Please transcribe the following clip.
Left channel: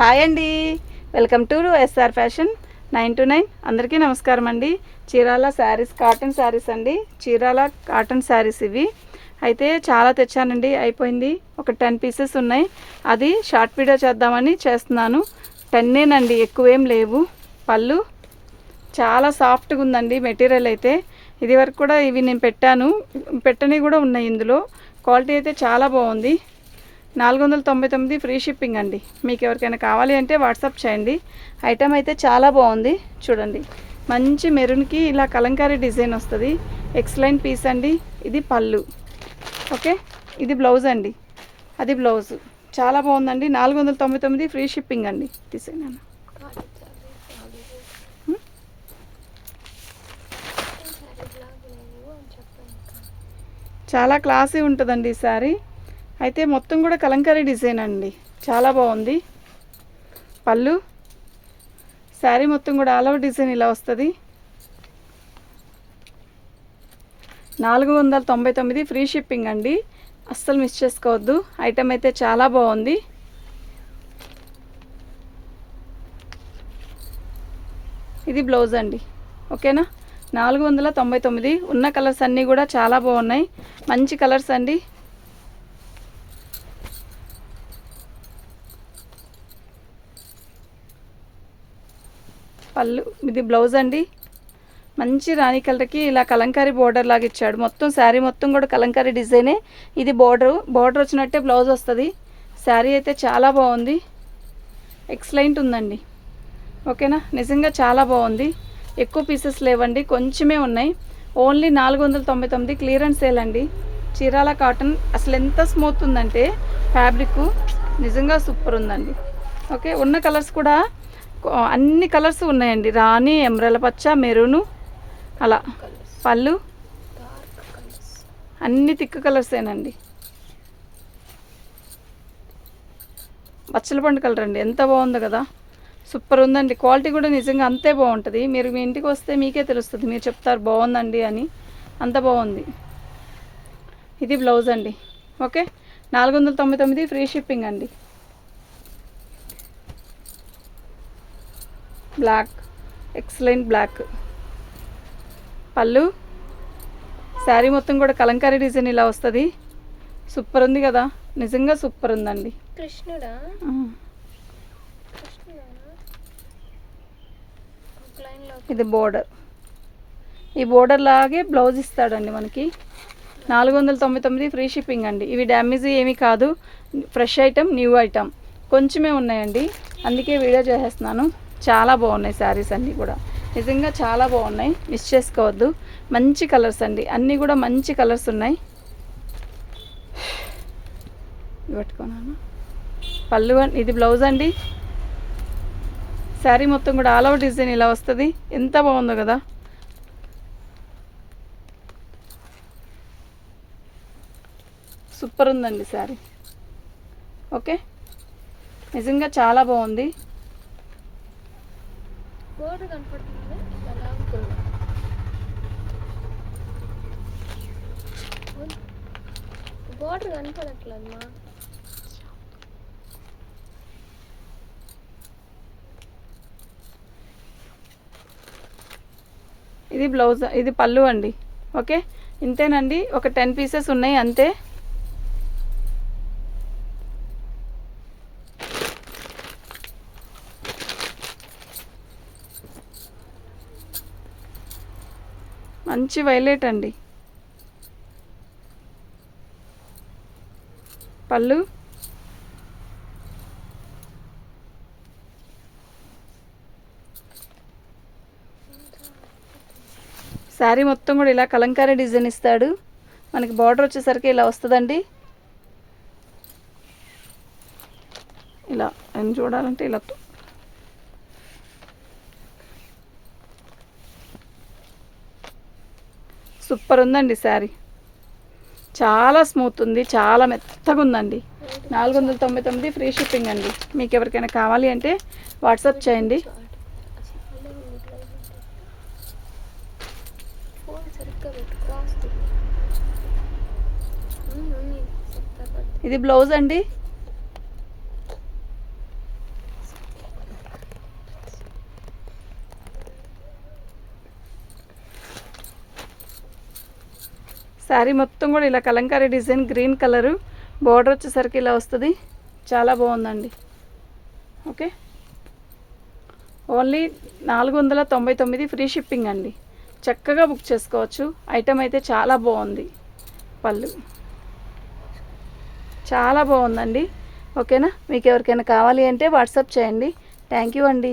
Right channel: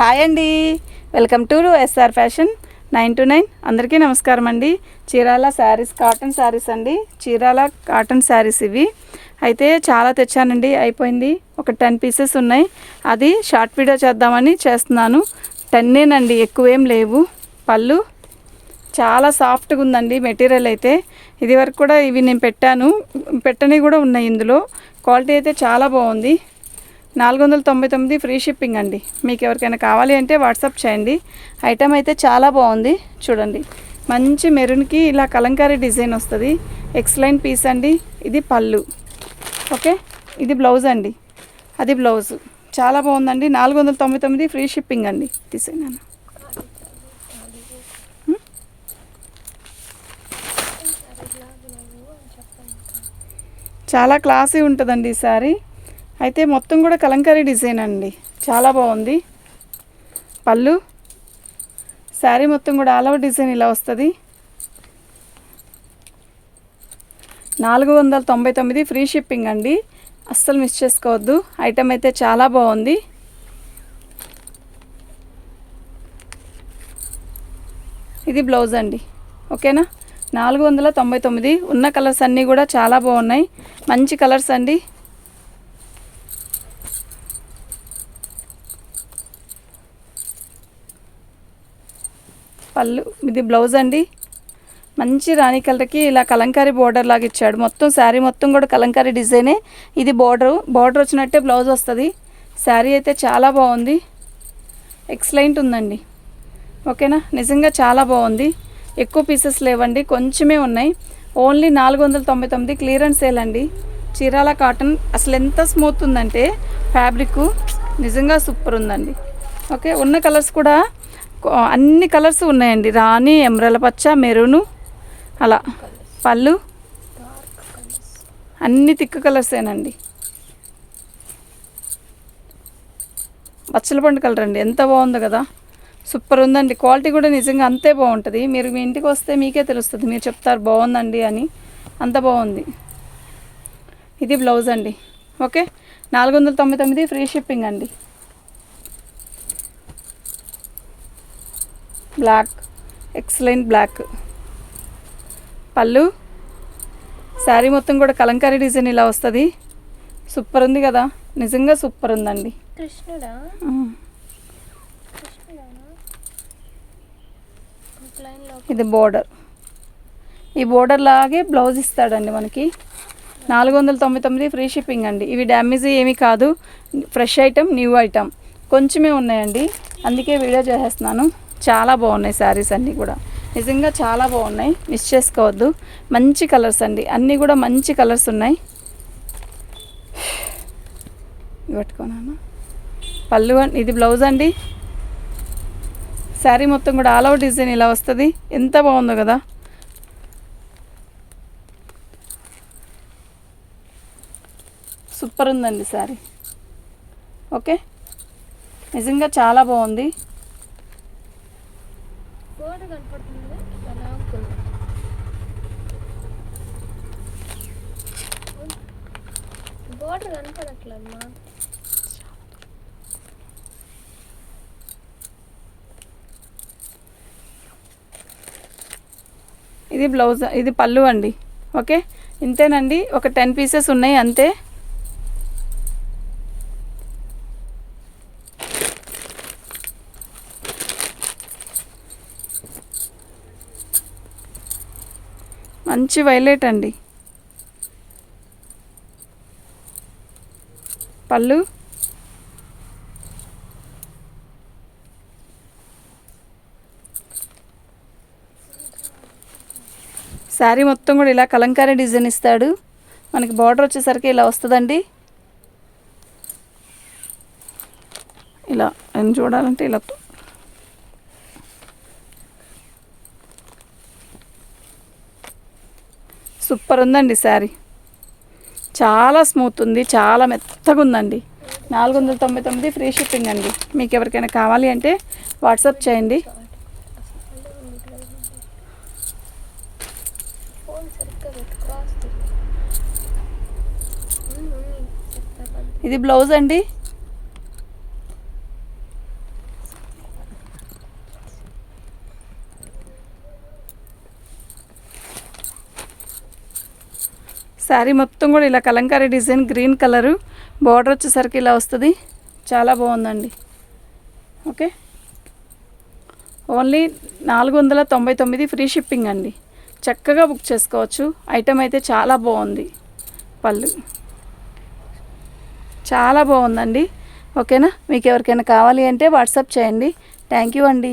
Hi అండి, welcome to SR fashion 929. అందరికీ నమస్కారం అండి. చీరాల శారీస్, కాటన్ శారీస్ అండి. చీరాల కాటన్ శారీస్ ఇవి అయితే చాలా తెచ్చానండి. అయిపోయింది, ఒక 10 పీసెస్ ఉన్నాయి. అది షార్ట్ వీడియో చేద్దామని చేస్తున్నాను. 10 ఎక్కువేం లేవు. పళ్ళు చాలా సాఫ్ట్గా ఉందండి మెటీరియల్ అయితే. ఇది వరకు కూడా ఇవి నేను పెట్టని కూడా ఉన్నాయి. ఇందులో క్వాలిటీ అయితే చాలా బాగుంది. 499 ఫ్రీ షిప్పింగ్ అండి. మీకు ఎవరికైనా కావాలి అంటే వాట్సాప్ చేయండి. ఐటమ్ అయితే చాలా బాగుంది. చూడండి, మంచి మెరూన్కి ఇలా కలంకారీ డిజైన్ వస్తుంది. ఎక్సలెంట్ పీస్ అండి. ఇది పళ్ళు, ఓకే. ఇది బ్లౌజ్ అండి, అది బ్లౌజు. చాలా బాగుందండి. 499 ఫ్రీ షిప్పింగ్ అండి. తీసేనా చాలా క్లాసీ ఉంటుందండి ఈ సారీ అయితే. మొత్తం కూడా కలంకారీ డిజైన్ అండి, చాలా బాగుంది. పళ్ళు, శారీ మొత్తం కూడా ఆల్ ఓవర్ డిజైన్ ఇలా వస్తుంది. 499 ఫ్రీ షిప్పింగ్ అండి. అస్సలు మిస్ చేసుకోవద్దు. ఐటమ్ అయితే చాలా బాగుంది. ఇది బ్లౌజ్ అండి, ఓకేనా. 499. ఉన్న కలర్స్ అన్నీ కూడా చాలా బాగున్నాయి, మంచి కలర్స్ అండి. పళ్ళు, ఇది బ్లౌజ్ అండి. మంచి రాణి కలర్కి ఇలా కలంకారీ బోర్డర్ లాగా ఇచ్చాడు. మొత్తం శారీ మొత్తం కూడా కలంకారీ డిజైనే. ఇది బోర్డర్ వచ్చినట్టే బ్లౌజ్ వస్తుంది. శారీ అయితే చాలా బాగుంది, ఎక్సలెంట్ ఉందండి, ఓకేనా. నిజంగా చాలా బాగుంది. ఎక్కువ పీసెస్ లేవండి, కొంచెమే ఉన్నాయి. ఓన్లీ 499 క్లియరెన్స్ సేల్ అండి. చీరాల కాటన్ అసలు ఎంత స్మూత్ ఉందంటే ఫ్యాబ్రిక్ నిజంగా సూపర్ ఉందండి, ఓకే. ఉన్న కలర్స్ కూడా అన్ని కలర్స్ ఉన్నాయండి. రాణి, ఎమరాల పచ్చ, మెరూను, అలా. పళ్ళు అన్ని థిక్ కలర్సేనండి. బచ్చల పండు కలర్ అండి, ఎంత బాగుందో కదా. సూపర్ ఉందండి. క్వాలిటీ కూడా నిజంగా అంతే బాగుంటుంది. మీరు మీ ఇంటికి వస్తే మీకే తెలుస్తుంది, మీరు చెప్తారు బాగుందండి అని. అంత బాగుంది. ఇది బ్లౌజ్ అండి, ఓకే. 499 ఫ్రీ షిప్పింగ్ అండి. Black, excellent black. పళ్ళు, శారీ మొత్తం కూడా కలంకారీ డిజైన్ ఇలా వస్తుంది. సూపర్ ఉంది కదా, నిజంగా సూపర్ ఉందండి. కృష్ణుడా, ఇది బోర్డర్. ఈ బోర్డర్ లాగే బ్లౌజ్ ఇస్తాడండి మనకి. 499 ఫ్రీ షిప్పింగ్ అండి. ఇవి డ్యామేజ్ ఏమీ కాదు, ఫ్రెష్ ఐటమ్, న్యూ ఐటమ్. కొంచెమే ఉన్నాయండి, అందుకే వీడియో చేసేస్తున్నాను. చాలా బాగున్నాయి శారీస్ అన్నీ కూడా, నిజంగా చాలా బాగున్నాయి. మిస్ చేసుకోవద్దు. మంచి కలర్స్ అండి, అన్నీ కూడా మంచి కలర్స్ ఉన్నాయి. పెట్టుకున్నాను. పళ్ళు, ఇది బ్లౌజ్ అండి. శారీ మొత్తం కూడా ఆల్ ఓవర్ డిజైన్ ఇలా వస్తుంది. ఎంత బాగుందో కదా. సూపర్ ఉందండి శారీ, ఓకే. నిజంగా చాలా బాగుంది. బోర్డర్ కనపడట్లేదు. ఇది బ్లౌజ్, ఇది పళ్ళు అండి, ఓకే. ఇంతేనండి, ఒక 10 పీసెస్ ఉన్నాయి అంతే. మంచి వైలెట్ అండి. పళ్ళు, శారీ మొత్తం కూడా ఇలా కలంకారీ డిజైన్ ఇస్తాడు మనకి. బార్డర్ వచ్చేసరికి ఇలా వస్తుందండి. ఇలా అని చూడాలంటే ఇలా సూపర్ ఉందండి శారీ. చాలా స్మూత్ ఉంది, చాలా మెత్తగా ఉందండి. 499 ఫ్రీ షిప్పింగ్ అండి. మీకు ఎవరికైనా కావాలి అంటే వాట్సాప్ చేయండి. ఇది బ్లౌజ్ అండి. శారీ మొత్తం కూడా ఇలా Kalamkari design green colour, border వచ్చేసరికి ఇలా వస్తుంది. చాలా బాగుందండి. ఓకే, ఓన్లీ 499 ఫ్రీ షిప్పింగ్ అండి. చక్కగా బుక్ చేసుకోవచ్చు. ఐటమ్ అయితే చాలా బాగుంది. పళ్ళు చాలా బాగుందండి. ఓకేనా, మీకు ఎవరికైనా కావాలి అంటే వాట్సాప్ చేయండి. థ్యాంక్ యూ అండి.